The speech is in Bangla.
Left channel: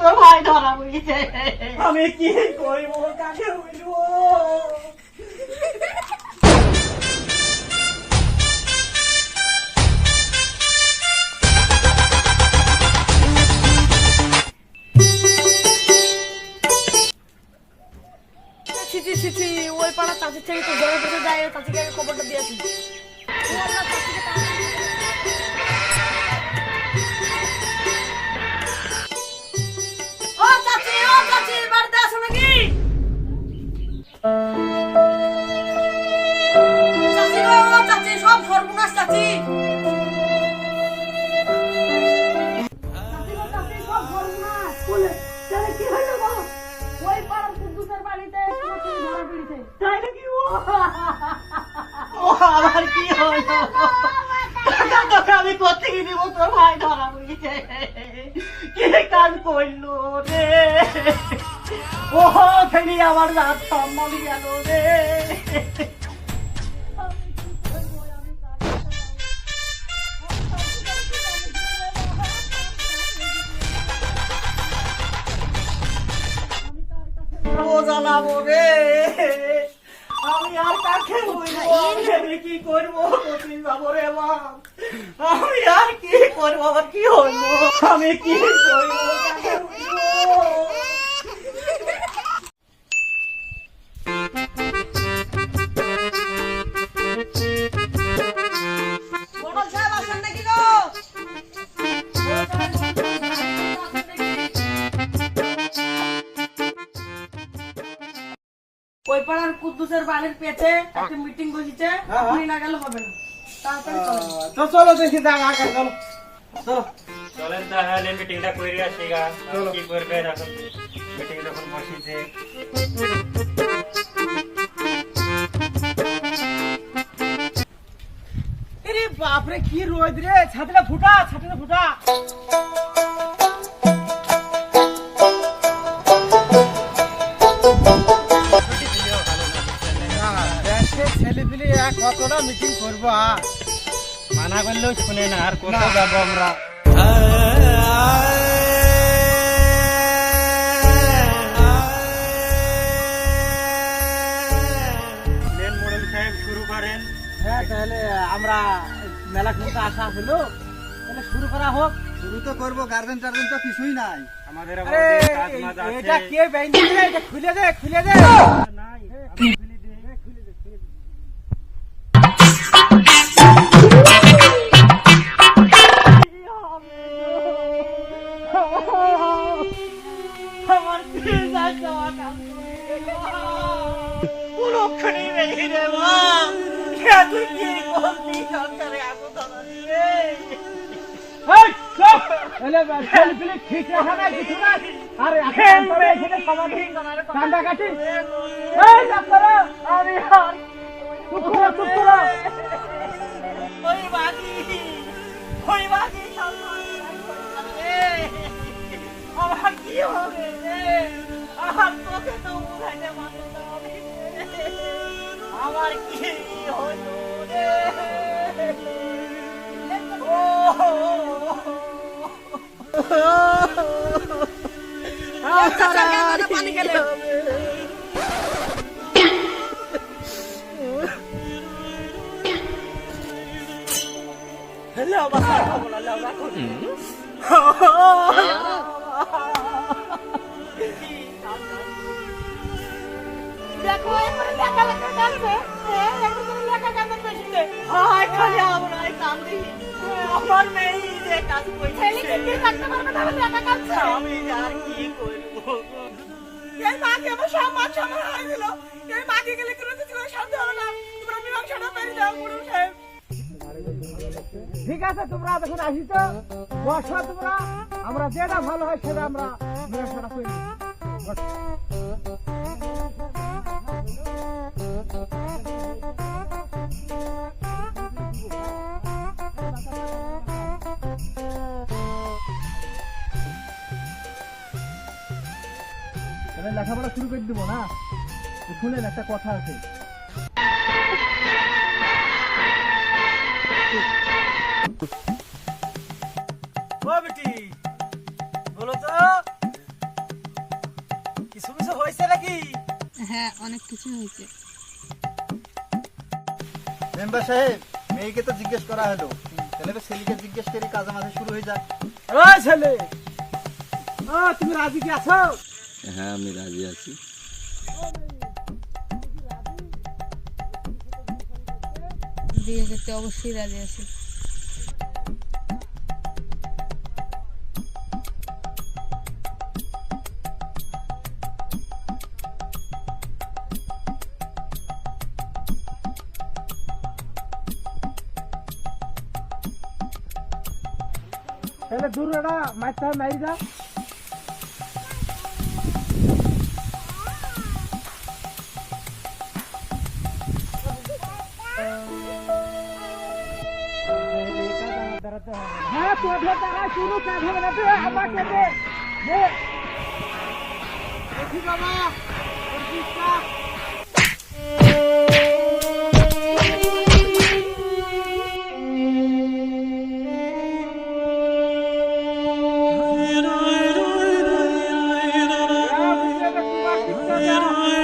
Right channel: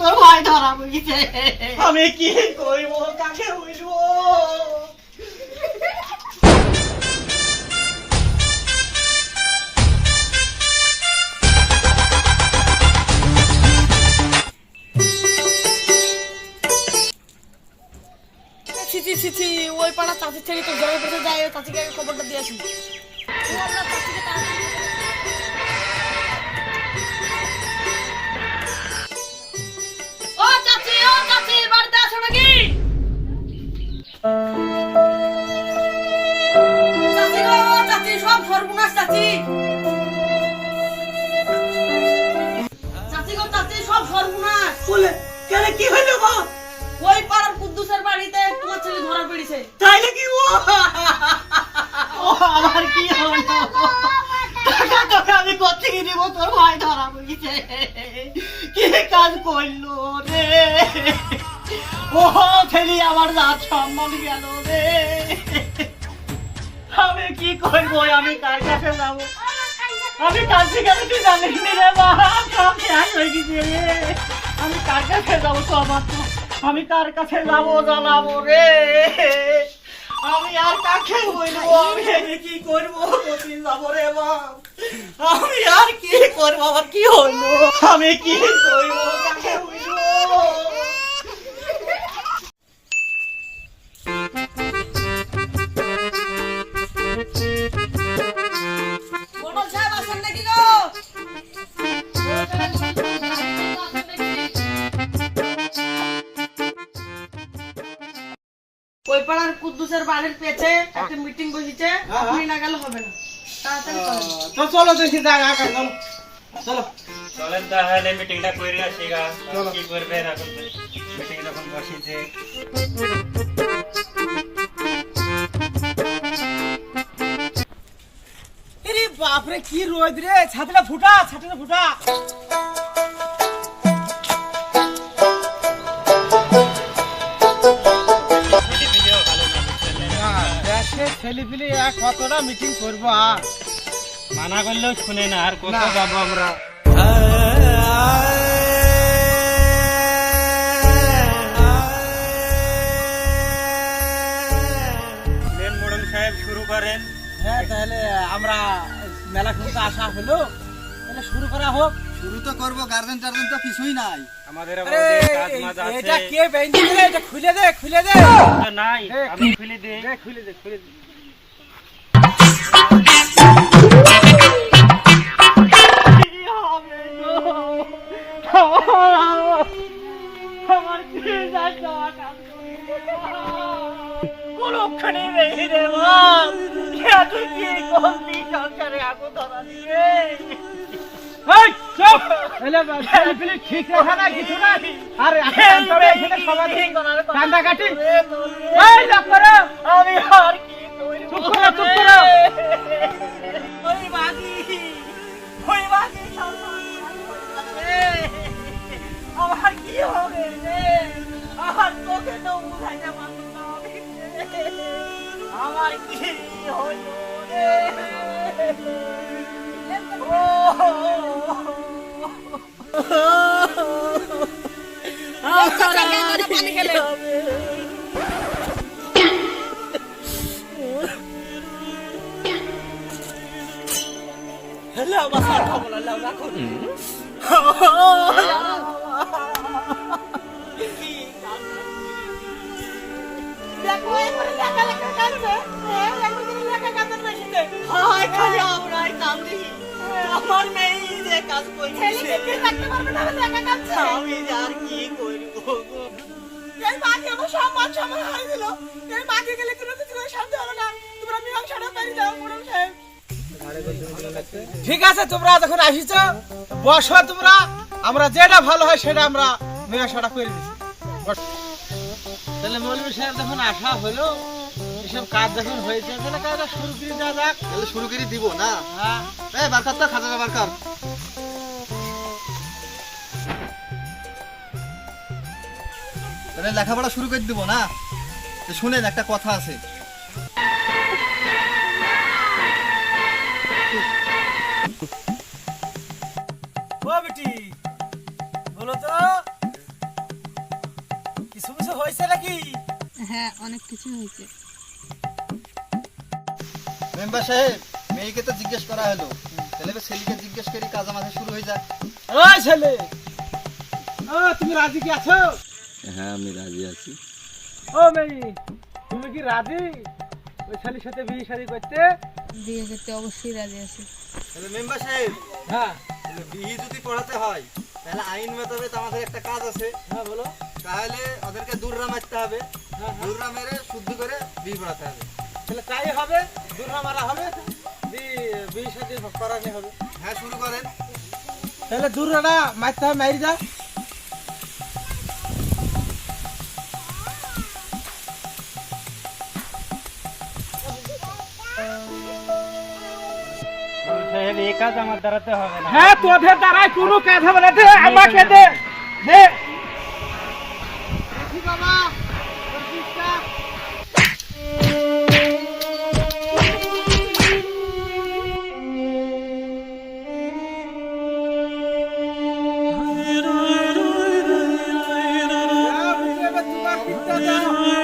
তোর ভাই ধরা পড়েছে। আমি কি করব, কাকে বলবো? ছিছি ছিছি, ওই পাড়া চাচির থেকে তো জয়ের কাছে যায়, চাচিকে আগে খবরটা দিয়ে আসি। ও চাচি, ও চাচি, বাড়িতে আছো নাকি? চাচি গো, চাচি, সব সর্বনাশ চাচি। চাচি গো, চাচি, সব সর্বনাশ। বলে কেন, কি হইলো গো? ওই পাড়ার কুদ্দুসের বাড়িতে তোমার ছেলে ধরা পড়েছে। তাই নাকি? ও আমার কি হলো? টাকা তোকে আমি কোথেকে দিব? তোর ভাই ধরা পড়েছে। কি কাজ করলো রে? ও ছেলে আমার রাত সম্মান গেল রে। আমি কি করবো? আমি কার কাছে যাবো? আমি কার থেকে তুই জানিস নি রে মা? সব শেষ হয়ে গেছে রে। আমি কার কাছে যাবো? তো আমার, আমি কার কাছে যাবো জানাবো রে? আমি আর কাকে বলবো? আমি কি করবো? কোথায় যাবো রে মা? আমি আর কি করবো? আমার কি হলো? আমি কি করবো? কাকে বলবো? মোড়ল সাহেব আছেন নাকি গো? ওই পাড়ার কুদ্দুসের বাড়ির পেছে একটা মিটিং বসেছে, আপনি না গেলে হবে না। তাড়াতাড়ি চলেন। তো চলো দেখি জায়গা চলো চলো চলেন তাহলে মিটিংটা করে আসি গা। কি করবেন এখন? মিটিং যখন বসিয়েছে, আরে বাপরে কি রোদ রে! ছাতিটা ফুটা, ছাতিটা ফুটা। ছুটি দিলেও ভালো না, বুঝলেন না? দেশে ছেলে পিলে কতটা মিটিং করবো আর মানা করলেও শুনে না, আর কোথাও যাবো আমরা? লেন মোড়ল সাহেব, শুরু করেন। হ্যাঁ, তাহলে আমরা মেলা কিন্তু আসা হলো, তাহলে শুরু করা হোক। শুরু তো করবো, গার্জেন টার্জেন তো কিছুই নাই আমাদের আবার আরে ওদের কাজ মাজ এটা আছে। কে বেঁধে দিলে? এটা খুলে দে, খুলে দে। নাই, আমি খুলে দিই। খুলে দে, খুলে দে। আমার কি যাওয়া কাজ কোনখানে নেই রে মা। তুই কি করলি? সরকারে আগুন ধরা দিয়ে ঠিক রাখা না, কিছু না। আর এখানে সবার কান্দা কাটি। আমি আর কি করব? চুপ করো, চুপ করো। ওই বাগি, ওই বাগি আমার কি হবে রে? আমার তোকে তো বুঝাইতে পারলো না। আমার কি হলো রে? পানি খেলে দেখো, এখানে লেখা লেখা কাঁদছে। লেখা কাঁদার পেছনে খালি আমরাই কান্দি। আমার মেয়ে যে কাজ করছে, রাখতে পারবে না, লেখা কাঁদছে। আমি আর কি করবো? এই মাকে আমার সব মান সম্মান হারিয়ে দিল। এই মাকে গেলে কোনো কিছু করে শান্তি হবে না। তোমরা মীমাংসাটা পেরে দাও মোড়ল সাহেব। ঠিক আছে, তোমরা যখন আসিছ বসো, তোমরা আমরা যেটা ভালো হয় সেটা আমরা মীমাংসাটা করে দিচ্ছি। তাহলে মৌলভী সাহেব যখন আসা হলো, এসব কাজ যখন হয়েছে, তাহলে কাজটা শুরু করে দেওয়া যাক। শুরু করে দিব না? হ্যাঁ, বারকাতটা খাজানা বারকার। তাহলে লেখাপড়া শুরু করে দিব না? তো শুনেন, একটা কথা আছে। ও বেটি, বলো তো হ্যাঁ অনেক কিছু হয়েছে। মেম্বার সাহেব, মেয়েকে তো জিজ্ঞেস করা হলো, তাহলে এবার ছেলেকে জিজ্ঞেস করি, কাজ আমাদের শুরু হয়ে যাক। ওই ছেলে, ও তুমি রাজি কি আছো? হ্যাঁ আমি রাজি আছি। ও মেয়ে, তুমি কি রাজি ওই ছেলের সাথে বিয়ে শাদী করতে? বিয়ে করতে অবশ্যই রাজি আছি। তাহলে মেম্বার সাহেব, হ্যাঁ তাহলে বিয়ে যদি পড়াতে হয়, তাহলে আইন মোতাবেক আমাদের একটা কাজ আছে। হ্যাঁ বলো। তাহলে ওদেরকে দূররা মারতে হবে, দূররা মেরে শুদ্ধ করে বিয়ে পড়াতে হবে। তাহলে তাই হবে, দুর্গা মারা হবে, বিয়ে শাদী করানো হবে। হ্যাঁ, শুরু করেন। তাহলে দুর্গাটা মারতে হবে, মারি যা। সাহেব, এই কাজ আমার দ্বারাতে হবে না। হ্যাঁ তোদের দ্বারাই কোনো কাজ হবে না, দে আমাকে দে। দে দেখি বাবা, ওর দিকটা। তোমার